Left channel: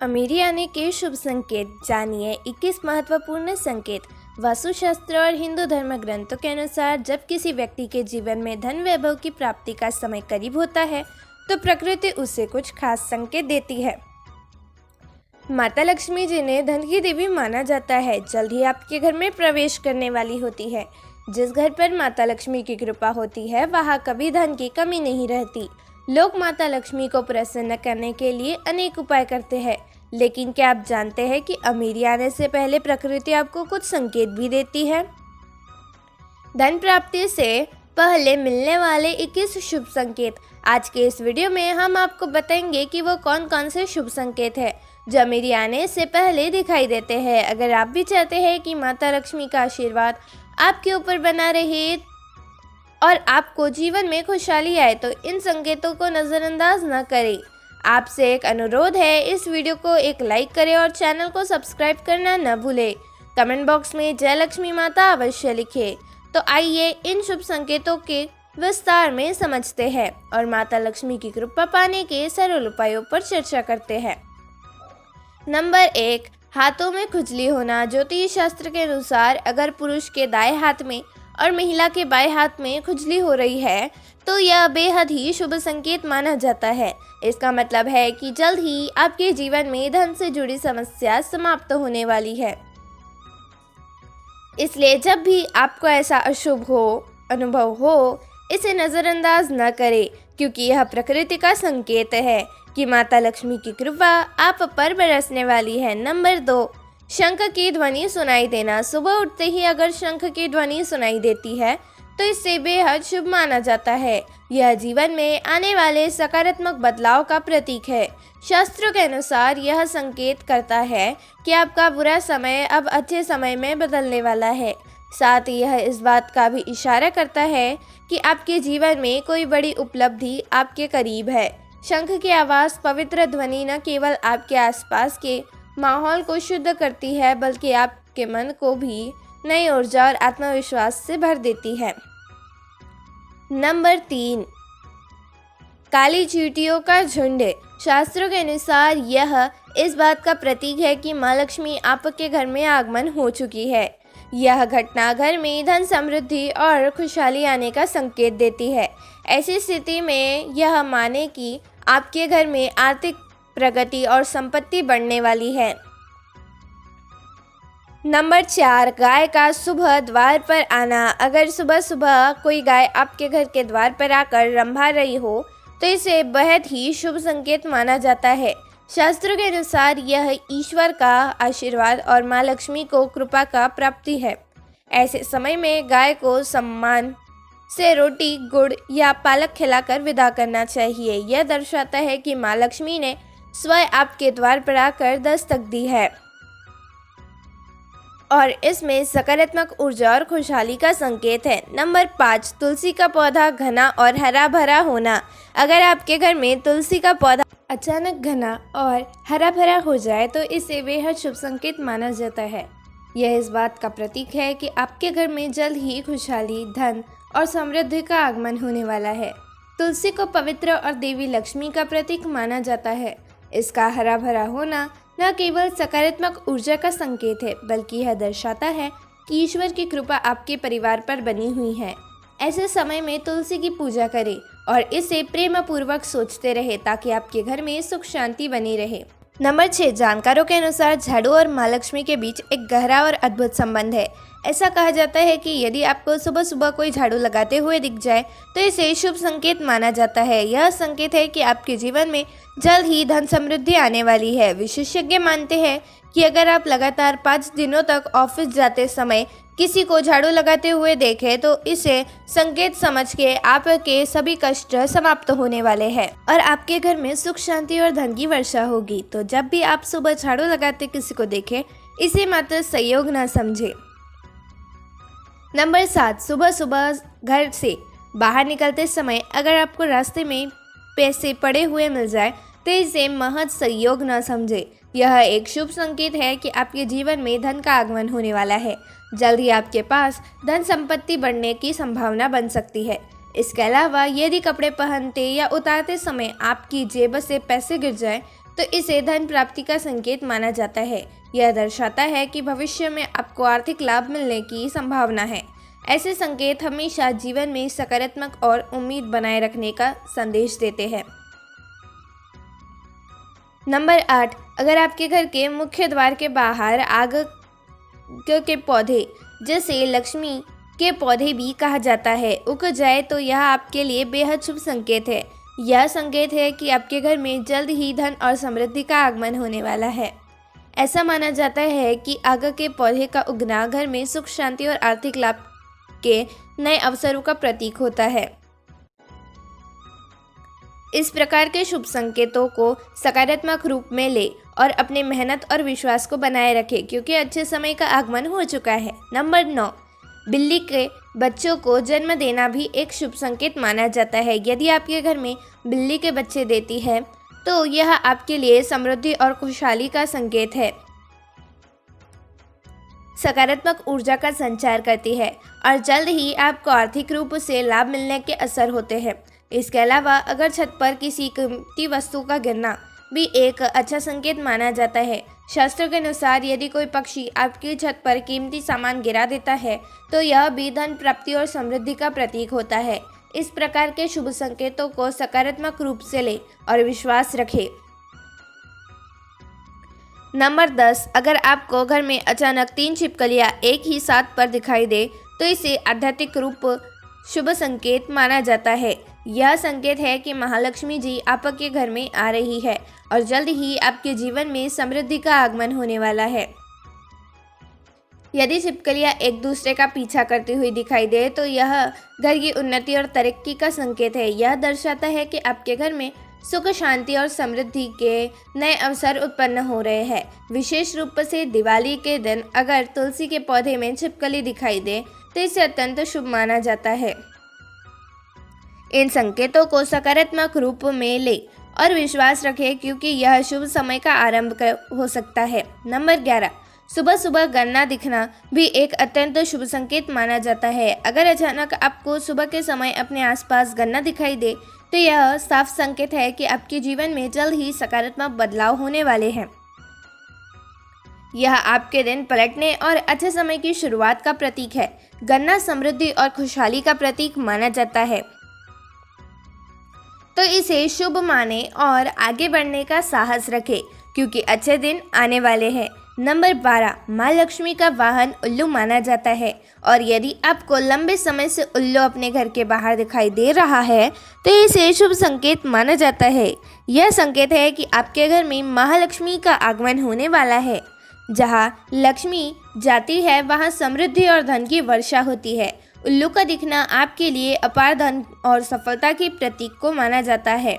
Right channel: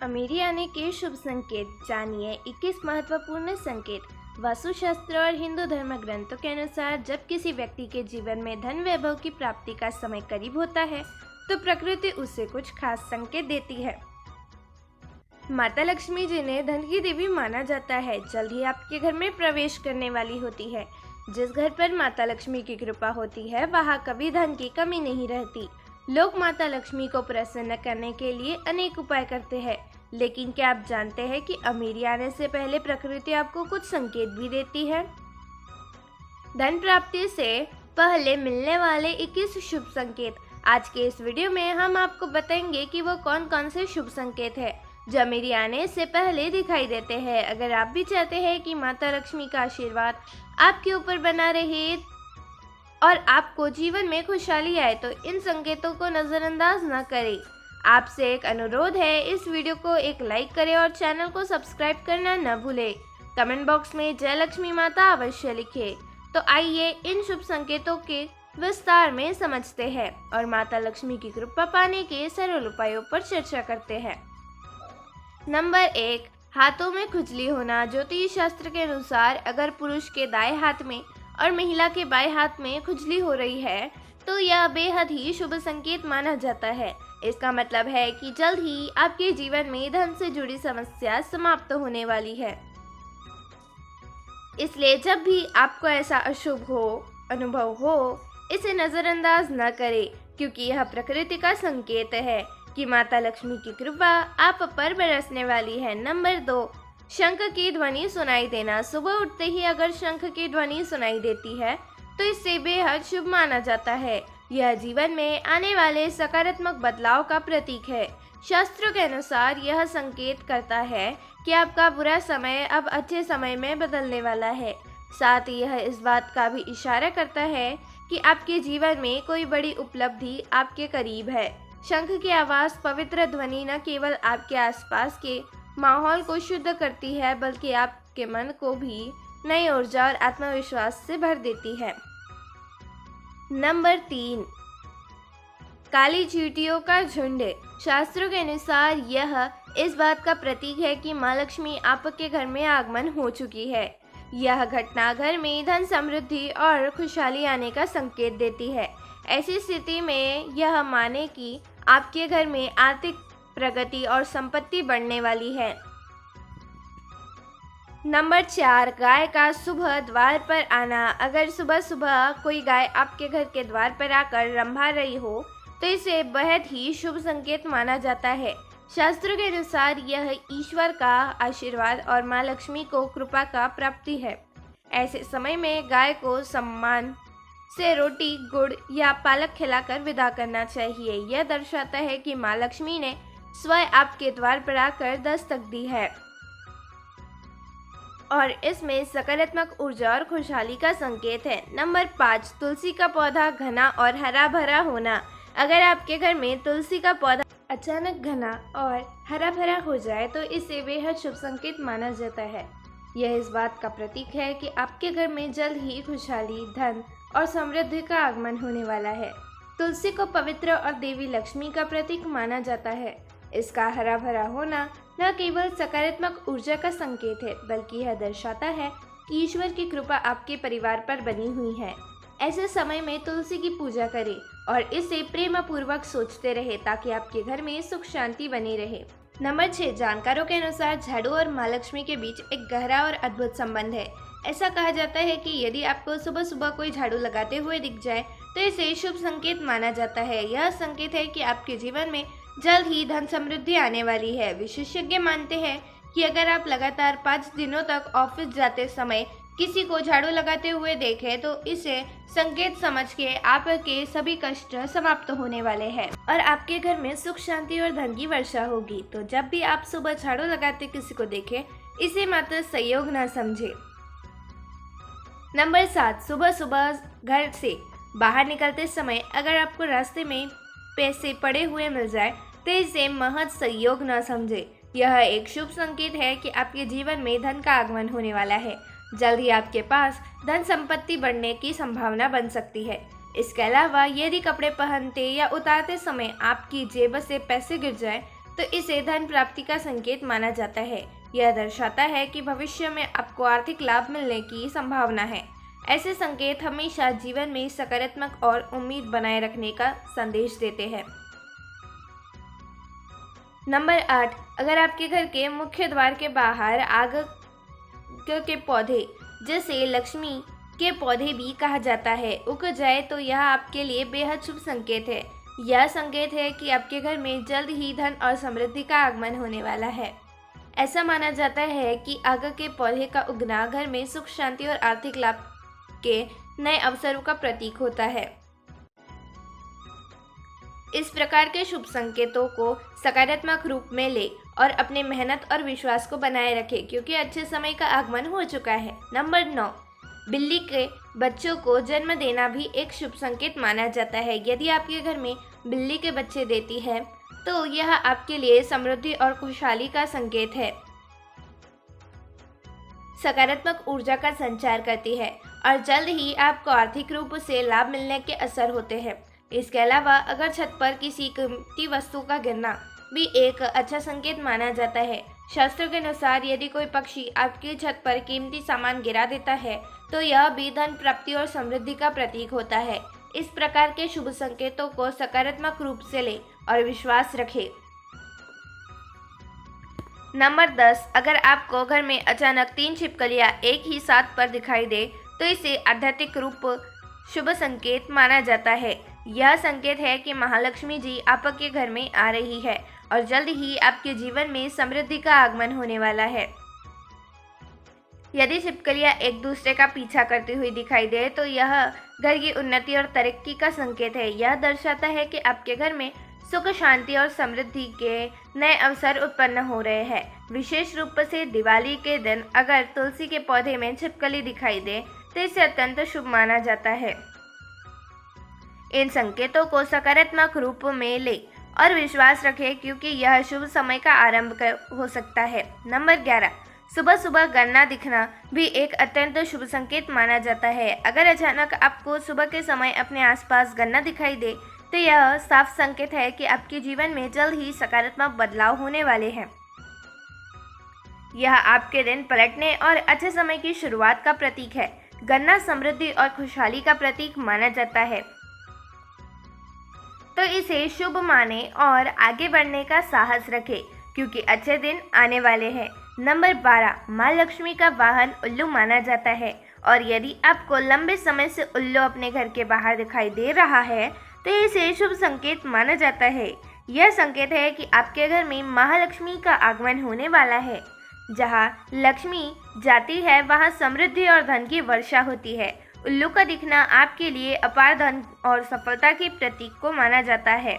अमीरी आने के शुभ संकेत जानिए 21 महत्वपूर्ण संकेत। वास्तुशास्त्र और हिंदू धर्म ग्रंथों के अनुसार जब किसी व्यक्ति के जीवन में धन वैभव की प्राप्ति का समय करीब होता है तो प्रकृति उसे कुछ खास संकेत देती है। माता लक्ष्मी जिन्हें धन की देवी माना जाता है जल्द ही आपके घर में प्रवेश करने वाली होती है। जिस घर पर माता लक्ष्मी की कृपा होती है वहाँ कभी धन की कमी नहीं रहती। लोग माता लक्ष्मी को प्रसन्न करने के लिए अनेक उपाय करते हैं, लेकिन क्या आप जानते हैं कि अमीरी आने से पहले प्रकृति आपको कुछ संकेत भी देती है। धन प्राप्ति से पहले मिलने वाले 21 शुभ संकेत। आज के इस वीडियो में हम आपको बताएंगे कि वो कौन कौन से शुभ संकेत हैं जो अमीरी आने से पहले दिखाई देते हैं। अगर आप भी चाहते हैं कि माता लक्ष्मी का आशीर्वाद आपके ऊपर बना रहे और आपको जीवन में खुशहाली आए तो इन संकेतों को नज़रअंदाज न करें। आपसे एक अनुरोध है, इस वीडियो को एक लाइक करें और चैनल को सब्सक्राइब करना न भूलें। कमेंट बॉक्स में जय लक्ष्मी माता अवश्य लिखें। तो आइए इन शुभ संकेतों के विस्तार में समझते हैं और माता लक्ष्मी की कृपा पाने के सरल उपायों पर चर्चा करते हैं। नंबर 1, हाथों में खुजली होना। ज्योतिष शास्त्र के अनुसार अगर पुरुष के दाएं हाथ में और महिला के बाएं हाथ में खुजली हो रही है तो यह बेहद ही शुभ संकेत माना जाता है। इसका मतलब है कि जल्द ही आपके जीवन में धन से जुड़ी समस्या समाप्त होने वाली है। इसलिए जब भी आपको ऐसा अशुभ अनुभव हो, इसे नज़रअंदाज न करें, क्योंकि यह प्रकृति का संकेत है कि माता लक्ष्मी की कृपा आप पर बरसने वाली है। नंबर 2, शंख की ध्वनि सुनाई देना। सुबह उठते ही अगर शंख की ध्वनि सुनाई देती है तो इसे बेहद शुभ माना जाता है। यह जीवन में आने वाले सकारात्मक बदलाव का प्रतीक है। शास्त्रों के अनुसार यह संकेत करता है कि आपका बुरा समय अब अच्छे समय में बदलने वाला है। साथ ही यह इस बात का भी इशारा करता है कि आपके जीवन में कोई बड़ी उपलब्धि आपके करीब है। शंख की आवाज़ पवित्र ध्वनि न केवल आपके आसपास के माहौल को शुद्ध करती है बल्कि आपके मन को भी नई ऊर्जा और आत्मविश्वास से भर देती है। नंबर 3, काली चींटियों का झुंड। शास्त्रों के अनुसार यह इस बात का प्रतीक है कि माँ लक्ष्मी आपके घर में आगमन हो चुकी है। यह घटना घर में धन समृद्धि और खुशहाली आने का संकेत देती है। ऐसी स्थिति में यह माने कि आपके घर में आर्थिक प्रगति और संपत्ति बढ़ने वाली है। नंबर 4, गाय का सुबह द्वार पर आना। अगर सुबह सुबह कोई गाय आपके घर के द्वार पर आकर रंभा रही हो तो इसे बेहद ही शुभ संकेत माना जाता है। शास्त्रों के अनुसार यह ईश्वर का आशीर्वाद और माँ लक्ष्मी को कृपा का प्राप्ति है। ऐसे समय में गाय को सम्मान से रोटी, गुड़ या पालक खिलाकर विदा करना चाहिए। यह दर्शाता है कि माँ लक्ष्मी ने स्वयं आपके द्वार पर आकर दस्तक दी है और इसमें सकारात्मक ऊर्जा और खुशहाली का संकेत है। नंबर 5, तुलसी का पौधा घना और हरा भरा होना। अगर आपके घर में तुलसी का पौधा अचानक घना और हरा भरा हो जाए तो इसे बेहद शुभ संकेत माना जाता है। यह इस बात का प्रतीक है कि आपके घर में जल्द ही खुशहाली, धन और समृद्धि का आगमन होने वाला है। तुलसी को पवित्र और देवी लक्ष्मी का प्रतीक माना जाता है। इसका हरा भरा होना न केवल सकारात्मक ऊर्जा का संकेत है बल्कि यह दर्शाता है कि ईश्वर की कृपा आपके परिवार पर बनी हुई है। ऐसे समय में तुलसी की पूजा करें और इसे प्रेम पूर्वक सोचते रहे ताकि आपके घर में सुख शांति बनी रहे। नंबर 6, जानकारों के अनुसार झाड़ू और माँ लक्ष्मी के बीच एक गहरा और अद्भुत संबंध है। ऐसा कहा जाता है कि यदि आपको सुबह सुबह कोई झाड़ू लगाते हुए दिख जाए तो इसे शुभ संकेत माना जाता है। यह संकेत है कि आपके जीवन में जल्द ही धन समृद्धि आने वाली है। विशेषज्ञ मानते हैं कि अगर आप लगातार 5 दिनों तक ऑफिस जाते समय किसी को झाड़ू लगाते हुए देखें तो इसे संकेत समझ के आपके सभी कष्ट समाप्त होने वाले हैं और आपके घर में सुख शांति और धन की वर्षा होगी। तो जब भी आप सुबह झाड़ू लगाते किसी को देखें, इसे मात्र संयोग न समझे। नंबर 7, सुबह सुबह घर से बाहर निकलते समय अगर आपको रास्ते में पैसे पड़े हुए मिल जाए तो इसे महज संयोग न समझे। यह एक शुभ संकेत है कि आपके जीवन में धन का आगमन होने वाला है। जल्द ही आपके पास धन संपत्ति बढ़ने की संभावना बन सकती है। इसके अलावा यदि कपड़े पहनते या उतारते समय आपकी जेब से पैसे गिर जाएं तो इसे धन प्राप्ति का संकेत माना जाता है। यह दर्शाता है कि भविष्य में आपको आर्थिक लाभ मिलने की संभावना है। ऐसे संकेत हमेशा जीवन में सकारात्मक और उम्मीद बनाए रखने का संदेश देते हैं। नंबर 8, अगर आपके घर के मुख्य द्वार के बाहर आग के पौधे, जैसे लक्ष्मी के पौधे भी कहा जाता है, उग जाए तो यह आपके लिए बेहद शुभ संकेत है। यह संकेत है कि आपके घर में जल्द ही धन और समृद्धि का आगमन होने वाला है। ऐसा माना जाता है कि आग के पौधे का उगना घर में सुख, शांति और आर्थिक लाभ के नए अवसरों का प्रतीक होता है। इस प्रकार के शुभ संकेतों को सकारात्मक रूप में ले और अपने मेहनत और विश्वास को बनाए रखें, क्योंकि अच्छे समय का आगमन हो चुका है। नंबर 9, बिल्ली के बच्चों को जन्म देना भी एक शुभ संकेत माना जाता है। यदि आपके घर में बिल्ली के बच्चे देती है तो यह आपके लिए समृद्धि और खुशहाली का संकेत है, सकारात्मक ऊर्जा का संचार करती है और जल्द ही आपको आर्थिक रूप से लाभ मिलने के असर होते हैं। इसके अलावा अगर छत पर किसी कीमती वस्तु का गिरना भी एक अच्छा संकेत माना जाता है। शास्त्रों के अनुसार यदि कोई पक्षी आपकी छत पर कीमती सामान गिरा देता है तो यह भी धन प्राप्ति और समृद्धि का प्रतीक होता है। इस प्रकार के शुभ संकेतों को सकारात्मक रूप से ले और विश्वास रखें। नंबर 10, अगर आपको घर में अचानक 3 छिपकलियां एक ही साथ पर दिखाई दे तो इसे आध्यात्मिक रूप शुभ संकेत माना जाता है। यह संकेत है कि महालक्ष्मी जी आपके घर में आ रही है और जल्द ही आपके जीवन में समृद्धि का आगमन होने वाला है। यदि छिपकलियां एक दूसरे का पीछा करती हुई दिखाई दे तो यह घर की उन्नति और तरक्की का संकेत है। यह दर्शाता है कि आपके घर में सुख, शांति और समृद्धि के नए अवसर उत्पन्न हो रहे हैं। विशेष रूप से दिवाली के दिन अगर तुलसी के पौधे में छिपकली दिखाई दे तो इसे अत्यंत शुभ माना जाता है। इन संकेतों को सकारात्मक रूप में ले और विश्वास रखें, क्योंकि यह शुभ समय का आरंभ हो सकता है। नंबर 11, सुबह सुबह गन्ना दिखना भी एक अत्यंत शुभ संकेत माना जाता है। अगर अचानक आपको सुबह के समय अपने आसपास गन्ना दिखाई दे तो यह साफ संकेत है कि आपके जीवन में जल्द ही सकारात्मक बदलाव होने वाले हैं। यह आपके दिन पलटने और अच्छे समय की शुरुआत का प्रतीक है। गन्ना समृद्धि और खुशहाली का प्रतीक माना जाता है, तो इसे शुभ माने और आगे बढ़ने का साहस रखें, क्योंकि अच्छे दिन आने वाले हैं। नंबर 12, माँ लक्ष्मी का वाहन उल्लू माना जाता है और यदि आपको लंबे समय से उल्लू अपने घर के बाहर दिखाई दे रहा है तो इसे शुभ संकेत माना जाता है। यह संकेत है कि आपके घर में महालक्ष्मी का आगमन होने वाला है। जहाँ लक्ष्मी जाती है वहाँ समृद्धि और धन की वर्षा होती है। उल्लू का दिखना आपके लिए अपार धन और सफलता के प्रतीक को माना जाता है,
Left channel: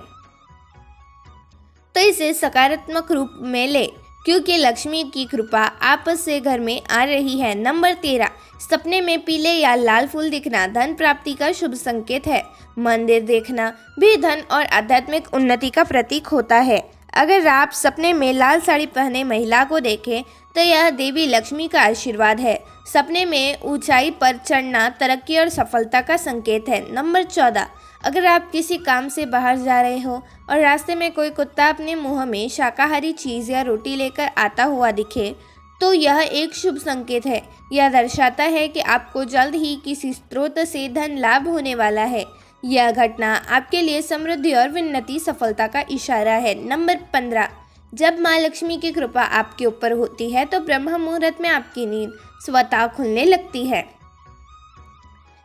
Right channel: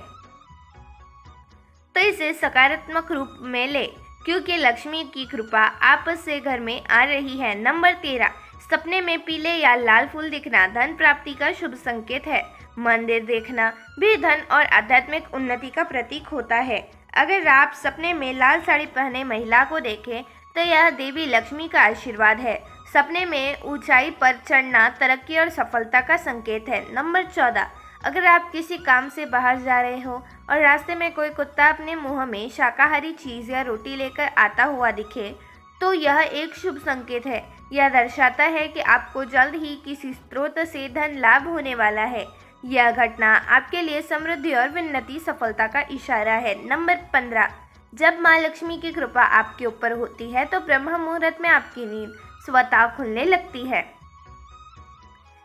तो इसे सकारात्मक रूप में ले, क्योंकि लक्ष्मी की कृपा आप से घर में आ रही है। नंबर 13, सपने में पीले या लाल फूल दिखना धन प्राप्ति का शुभ संकेत है। मंदिर देखना भी धन और आध्यात्मिक उन्नति का प्रतीक होता है। अगर आप सपने में लाल साड़ी पहने महिला को देखें तो यह देवी लक्ष्मी का आशीर्वाद है। सपने में ऊंचाई पर चढ़ना तरक्की और सफलता का संकेत है। नंबर 14, अगर आप किसी काम से बाहर जा रहे हो और रास्ते में कोई कुत्ता अपने मुंह में शाकाहारी चीज़ या रोटी लेकर आता हुआ दिखे तो यह एक शुभ संकेत है। यह दर्शाता है कि आपको जल्द ही किसी स्रोत से धन लाभ होने वाला है। यह घटना आपके लिए समृद्धि और उन्नति सफलता का इशारा है। नंबर 15, जब माँ लक्ष्मी की कृपा आपके ऊपर होती है तो ब्रह्म मुहूर्त में आपकी नींद स्वतः खुलने लगती है।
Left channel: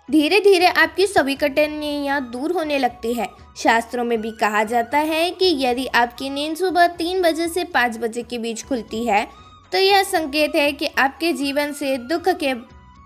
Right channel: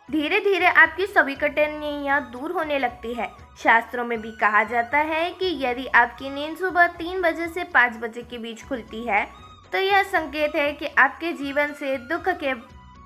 धीरे धीरे आपकी सभी कठिनाइयाँ दूर होने लगती है। शास्त्रों में भी कहा जाता है कि यदि आपकी नींद सुबह 3 बजे से 5 बजे के बीच खुलती है तो यह संकेत है कि आपके जीवन से दुख के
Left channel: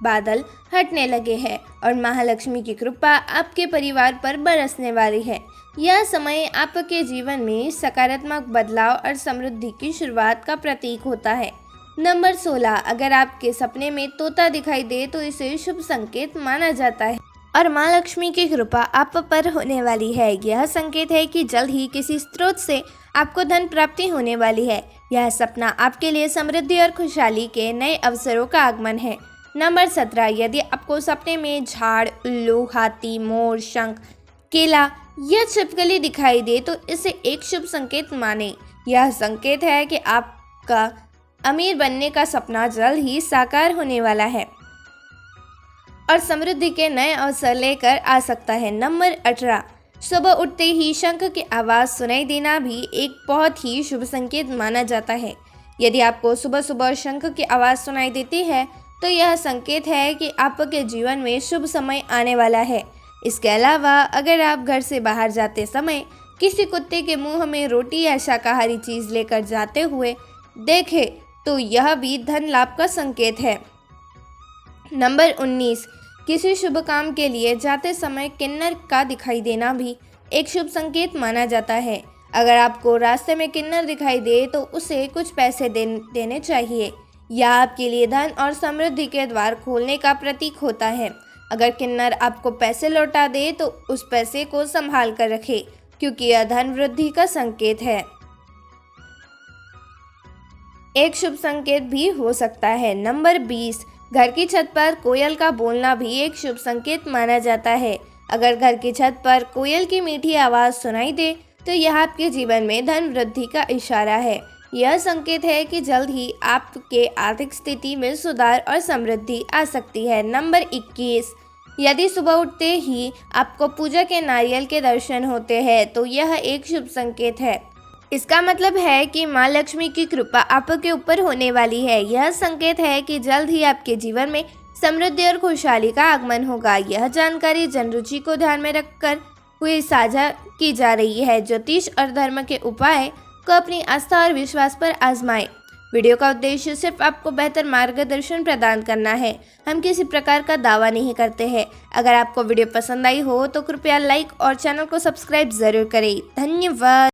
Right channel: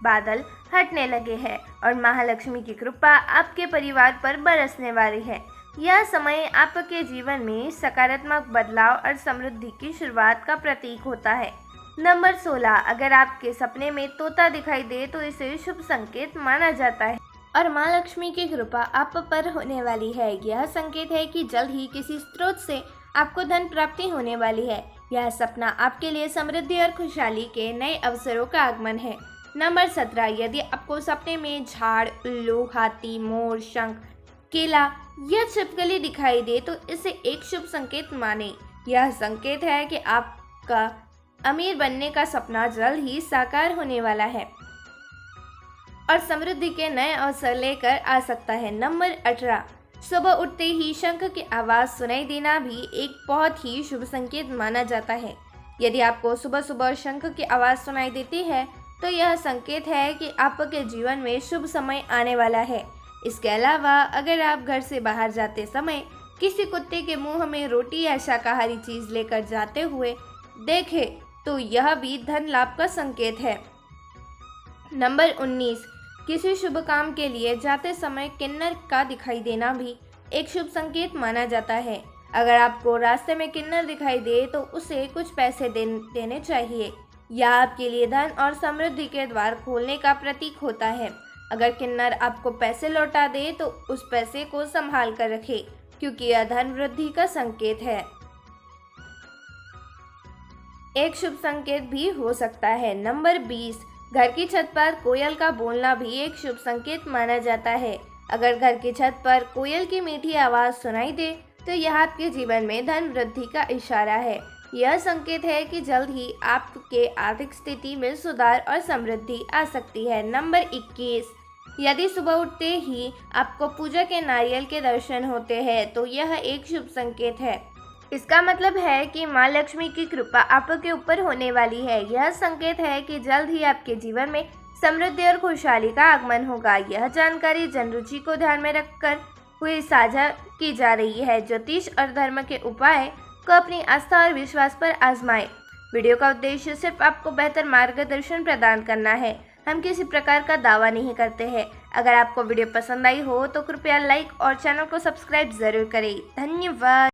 बादल हटने लगे हैं और महालक्ष्मी की कृपा आपके परिवार पर बरसने वाली है। यह समय आपके जीवन में सकारात्मक बदलाव और समृद्धि की शुरुआत का प्रतीक होता है। नंबर 16, अगर आपके सपने में तोता दिखाई दे तो इसे शुभ संकेत माना जाता है और माँ लक्ष्मी की कृपा आप पर होने वाली है। यह संकेत है कि जल्द ही किसी स्रोत से आपको धन प्राप्ति होने वाली है। यह सपना आपके लिए समृद्धि और खुशहाली के नए अवसरों का आगमन है। नंबर 17, यदि आपको सपने में झाड़, उल्लू, हाथी, मोर, शंख, केला या छिपकली दिखाई दे तो इसे एक शुभ संकेत माने। यह संकेत है कि आपका अमीर बनने का सपना जल्द ही साकार होने वाला है और समृद्धि के नए अवसर लेकर आ सकता है। नंबर 18, सुबह उठते ही शंख की आवाज़ सुनाई देना भी एक बहुत ही शुभ संकेत माना जाता है। यदि आपको सुबह सुबह शंख की आवाज़ सुनाई देती है तो यह संकेत है कि आपके जीवन में शुभ समय आने वाला है। इसके अलावा अगर आप घर से बाहर जाते समय किसी कुत्ते के मुंह में रोटी या शाकाहारी चीज़ लेकर जाते हुए देखें तो यह भी धन लाभ का संकेत है। नंबर 19, किसी शुभ काम के लिए जाते समय किन्नर का दिखाई देना भी एक शुभ संकेत माना जाता है। अगर आपको रास्ते में किन्नर दिखाई दे तो उसे कुछ पैसे देने चाहिए। यह आपके लिए धन और समृद्धि के द्वार खोलने का प्रतीक होता है। अगर किन्नर आपको पैसे लौटा दे तो उस पैसे को संभाल कर रखें, क्योंकि यह धन वृद्धि का संकेत है। एक शुभ संकेत भी हो सकता है। नंबर 20, घर की छत पर कोयल का बोलना भी एक शुभ संकेत माना जाता है। अगर घर की छत पर कोयल की मीठी आवाज़ सुनाई दे तो यह आपके जीवन में धन वृद्धि का इशारा है। यह संकेत है कि जल्द ही आपके आर्थिक स्थिति में सुधार और समृद्धि आ सकती है। नंबर 21, यदि सुबह उठते ही आपको पूजा के नारियल के दर्शन होते हैं तो यह एक शुभ संकेत है। इसका मतलब है कि माँ लक्ष्मी की कृपा आपके ऊपर होने वाली है। यह संकेत है कि जल्द ही आपके जीवन में समृद्धि और खुशहाली का आगमन होगा। यह जानकारी जनरुचि को ध्यान में रखकर हुई साझा की जा रही है। ज्योतिष और धर्म के उपाय को अपनी आस्था और विश्वास पर आजमाएं। वीडियो का उद्देश्य सिर्फ आपको बेहतर मार्गदर्शन प्रदान करना है। हम किसी प्रकार का दावा नहीं करते हैं। अगर आपको वीडियो पसंद आई हो तो कृपया लाइक और चैनल को सब्सक्राइब जरूर करें। धन्यवाद।